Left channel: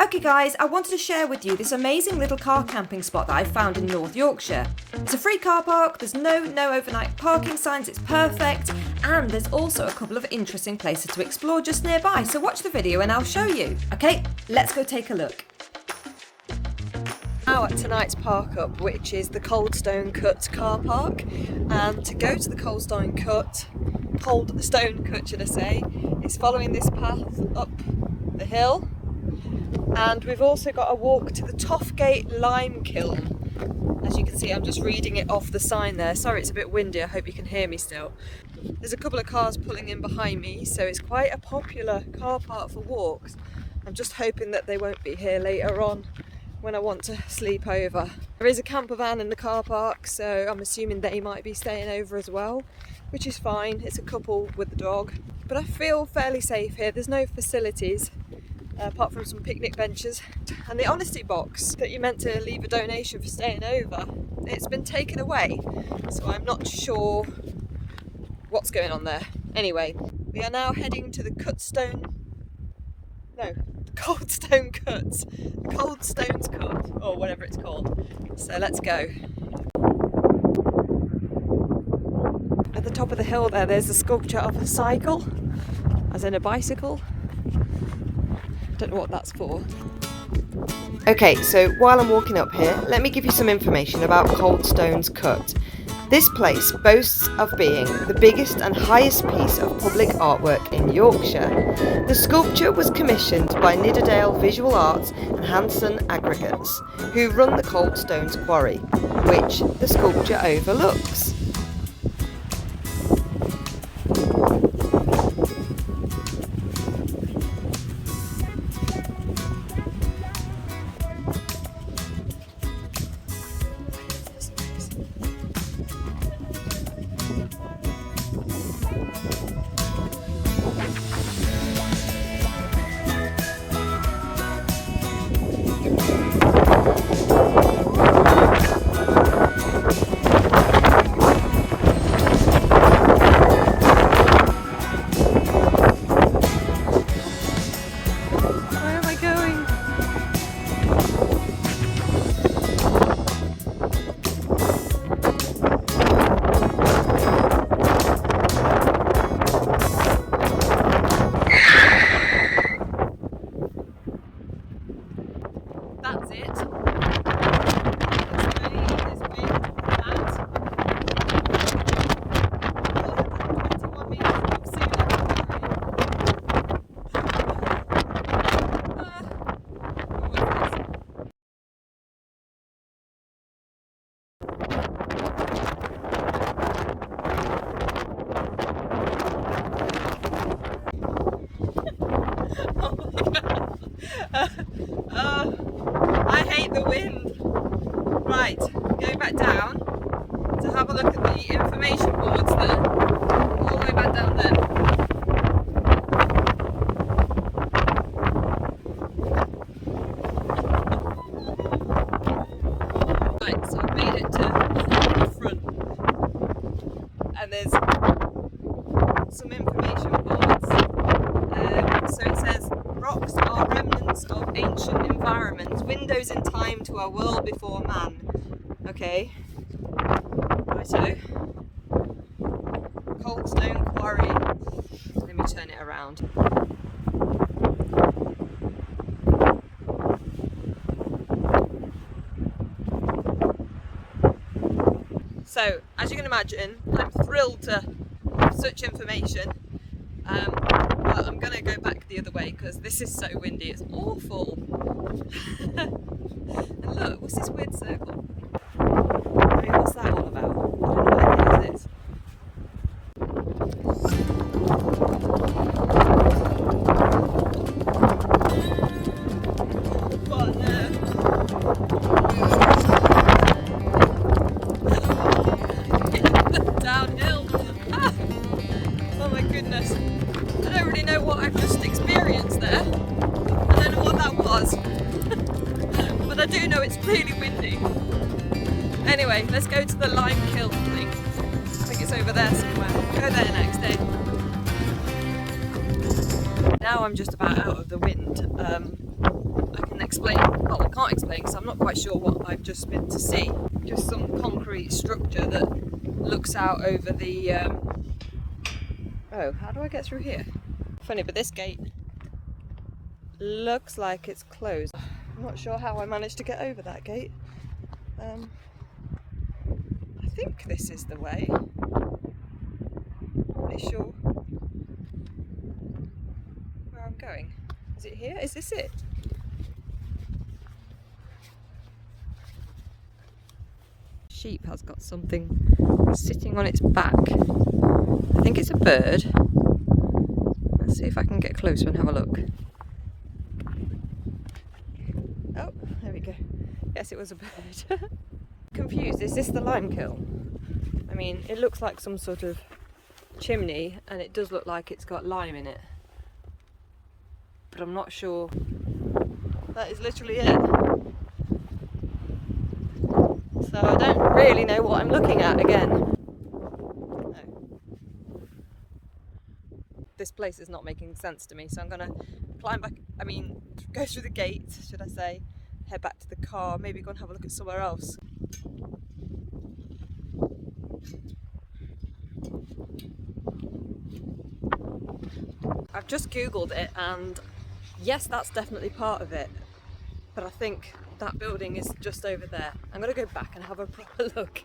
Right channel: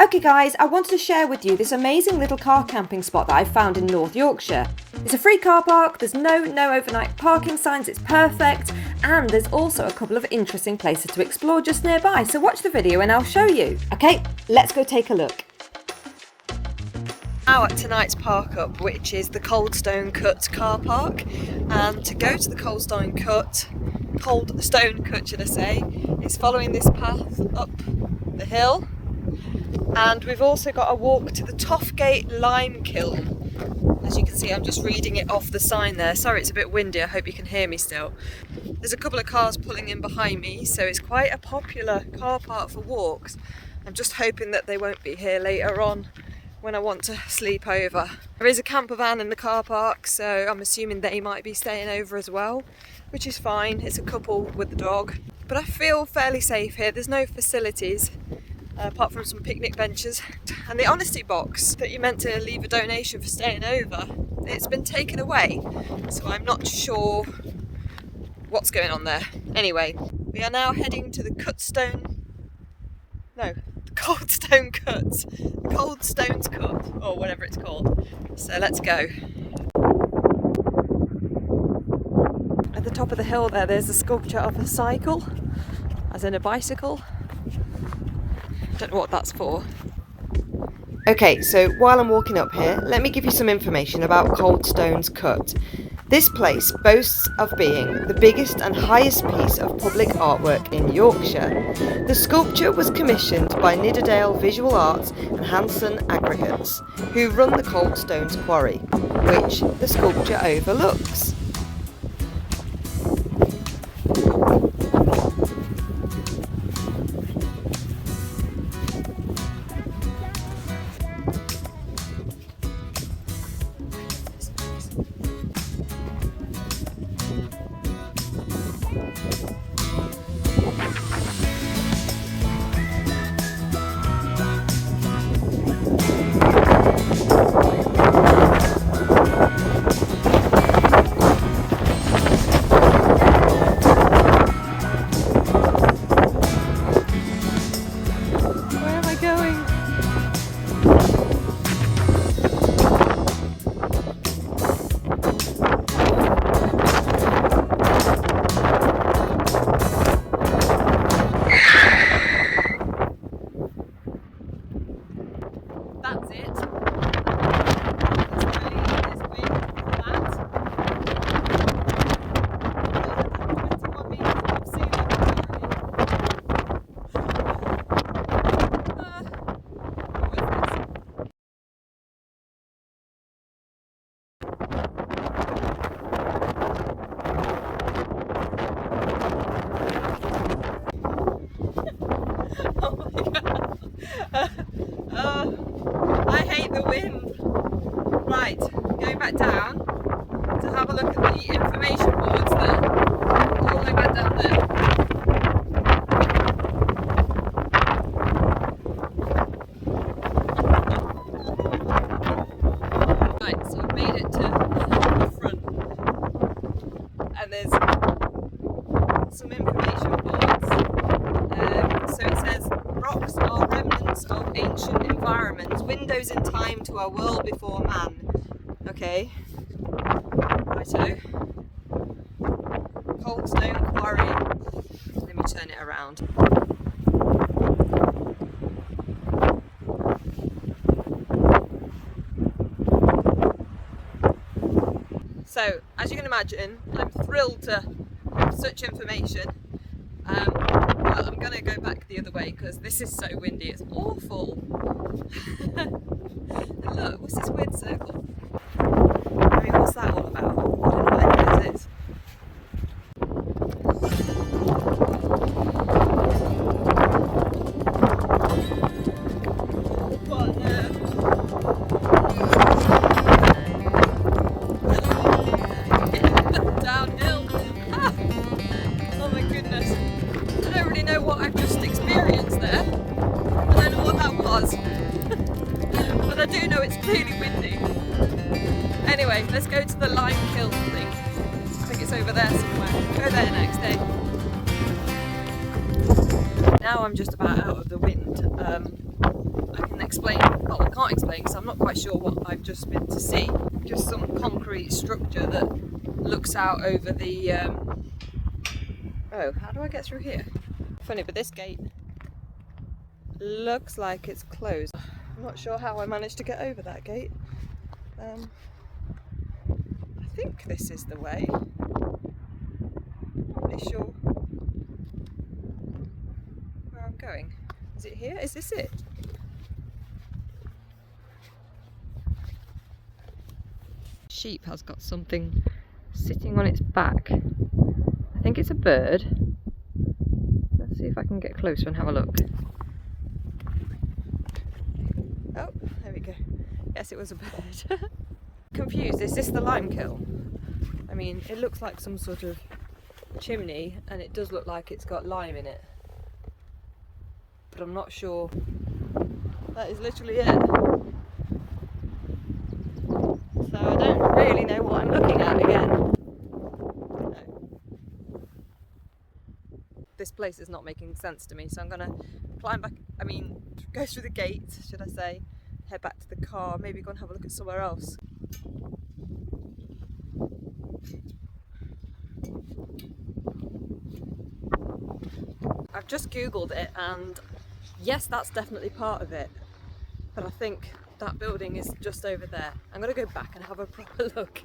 Okay guys, I wanted to share with you this amazing little car camping spot that I found in North Yorkshire. It's a free car park, there's no overnight parking signs, it's perfect, and there's also a couple of interesting places to explore just nearby, so watch the video and I'll show you. Okay, let's go take a look. Now at tonight's park up, which is the Coldstone Cut car park, and to go to the Coldstone Cut should I say, is following this path up the hill. And we've also got a walk to the Toffgate Lime Kiln. As you can see, I'm just reading it off the sign there. Sorry, it's a bit windy, I hope you can hear me still. There's a couple of cars pulling in behind me, so it's quite a popular car park for walks. I'm just hoping that they won't be here later on when I want to sleep over. There is a camper van in the car park, so I'm assuming they might be staying over as well, which is fine. It's a couple with the dog. But I feel fairly safe here. There's no facilities. Apart from some picnic benches. And the honesty box that you meant to leave a donation for staying over, it's been taken away, so I'm not sure what's going on there. Anyway, we are now heading to the Coldstones Cut, or whatever it's called. So let's go. At the top of the hill there's a sculpture of a cycle, as in a bicycle. Don't know what that's for. Okay, so while I'm walking up here, let me give you some information about Coldstones Cut. This place boasts of being the biggest and highest piece of public artwork in Yorkshire. The sculpture was commissioned by Nidderdale Visual Arts and Hanson Aggregates, who run the Coldstones Quarry, which the sculpture overlooks. That's it. Oh my god. I hate the wind. Right, going back down to have a look at the information boards there. All the way back down there. Right, so I've made it to the front. And there's some information boards. So it says, rocks are remnants of ancient environments, windows in time to a world before man. Okay, righto. Coldstone Quarry. Let me turn it around. So, as you can imagine, I'm thrilled to have such information. But I'm going to go back the other way because this is so windy, it's awful. And look, what's this weird circle? I mean, what's that all about? I don't know what any of this is. What on earth? Downhill. Oh my goodness. I don't really know what I've just experienced there. I don't know what that was. But I do know it's really windy. Anyway, let's go to the lime kiln thing. I think it's over there somewhere. We'll go there next day. Now I'm just about out of the wind. I can explain, well, I can't explain because I'm not quite sure what I've just been to see. Just some concrete structure that looks out over the, oh, how do I get through here? Funny, but this gate looks like it's closed. I'm not sure how I managed to get over that gate. I think this is the way. I'm not really sure where I'm going. Is it here? Is this it? Sheep has got something sitting on its back. I think it's a bird. Let's see if I can get closer and have a look. Oh, there we go. Yes, it was a bird. Confused, is this the lime kiln? I mean, it looks like some sort of chimney and it does look like it's got lime in it. But I'm not sure. That is literally it. So I don't really know what I'm looking at again. No. This place is not making sense to me, so I'm gonna climb back, go through the gate, should I say, head back to the car, maybe go and have a look at somewhere else. I've just googled it and yes, that's definitely part of it, but I think that building is just over there. I'm going to go back and have a proper look.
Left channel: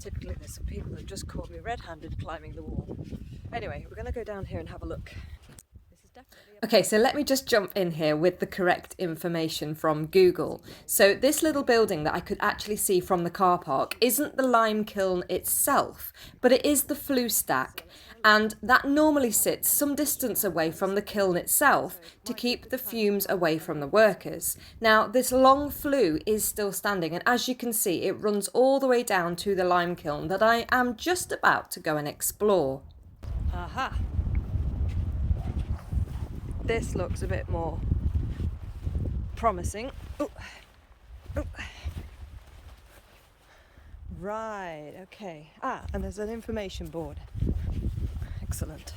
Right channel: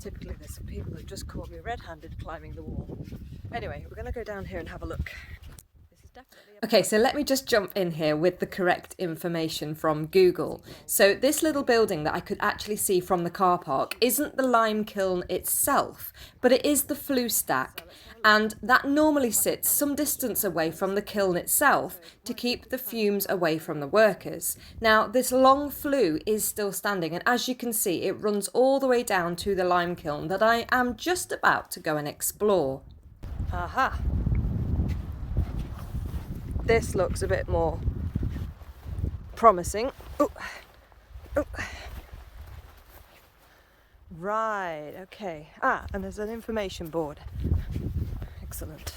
Typically there's some people who just caught me red-handed climbing the wall. Anyway, we're going to go down here and have a look. Okay, so let me just jump in here with the correct information from Google. So this little building that I could actually see from the car park isn't the lime kiln itself, but it is the flue stack. And that normally sits some distance away from the kiln itself to keep the fumes away from the workers. Now, this long flue is still standing, and as you can see, it runs all the way down to the lime kiln that I am just about to go and explore. Aha! This looks a bit more promising. Ooh. Ooh. Right, okay. Ah, and there's an information board. Excellent.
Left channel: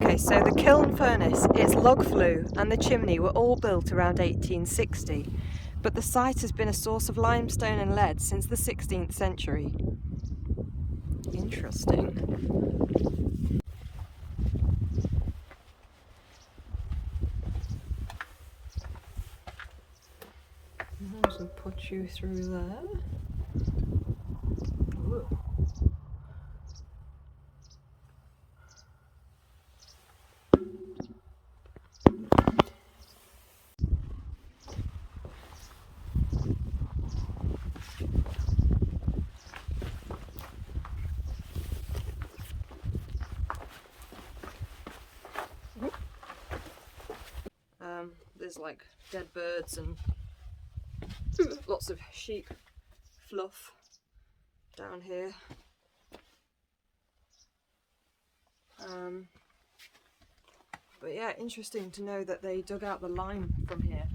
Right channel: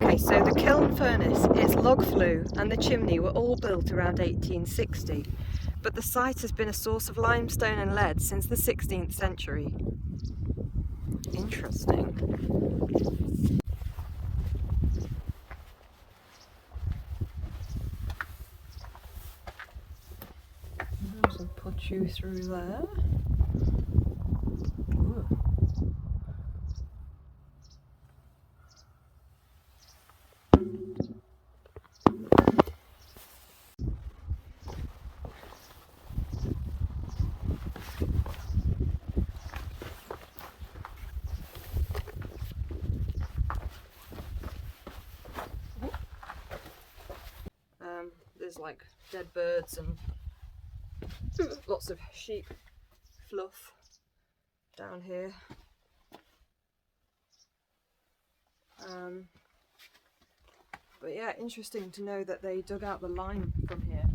Okay, so the kiln furnace, its log flue and the chimney were all built around 1860. But the site has been a source of limestone and lead since the 16th century. Interesting. So put you through there. Ooh. There's like dead birds and lots of sheep fluff down here. But yeah, interesting to know that they dug out the lime from here.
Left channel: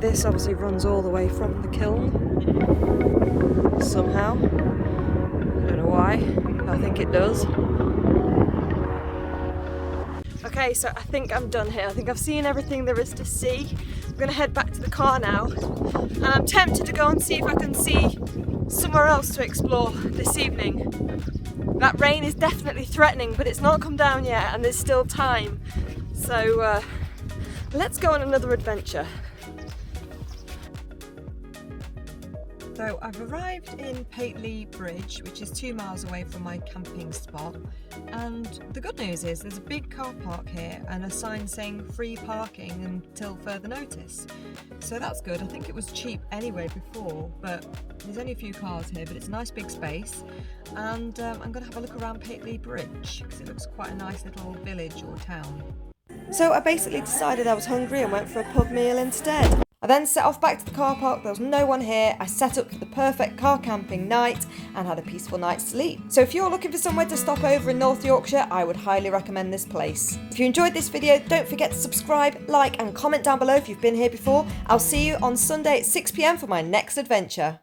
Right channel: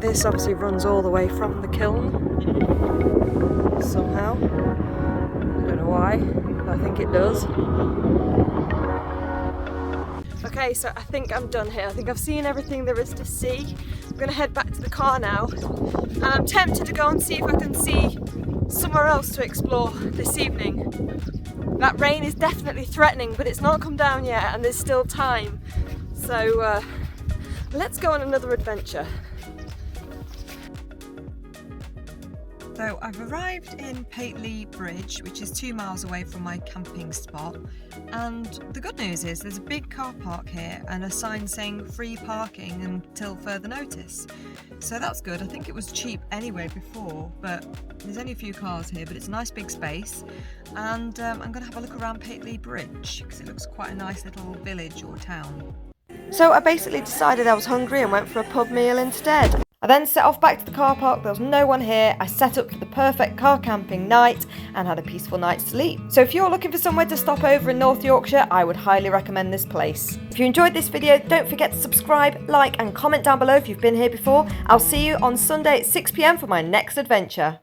This obviously runs all the way from the kiln somehow. I don't know why, but I think it does. Okay, so I think I'm done here. I think I've seen everything there is to see. I'm going to head back to the car now, and I'm tempted to go and see if I can see somewhere else to explore this evening. That rain is definitely threatening, but it's not come down yet and there's still time. So let's go on another adventure. So I've arrived in Pateley Bridge, which is 2 miles away from my camping spot, and the good news is there's a big car park here and a sign saying free parking until further notice. So that's good. I think it was cheap anyway before, but there's only a few cars here, but it's a nice big space. And I'm going to have a look around Pateley Bridge because it looks quite a nice little village or town. So I basically decided I was hungry and went for a pub meal instead. I then set off back to the car park. There was no one here. I set up for the perfect car camping night and had a peaceful night's sleep. So if you're looking for somewhere to stop over in North Yorkshire, I would highly recommend this place. If you enjoyed this video, don't forget to subscribe, like and comment down below if you've been here before. I'll see you on Sunday at 6 p.m. for my next adventure.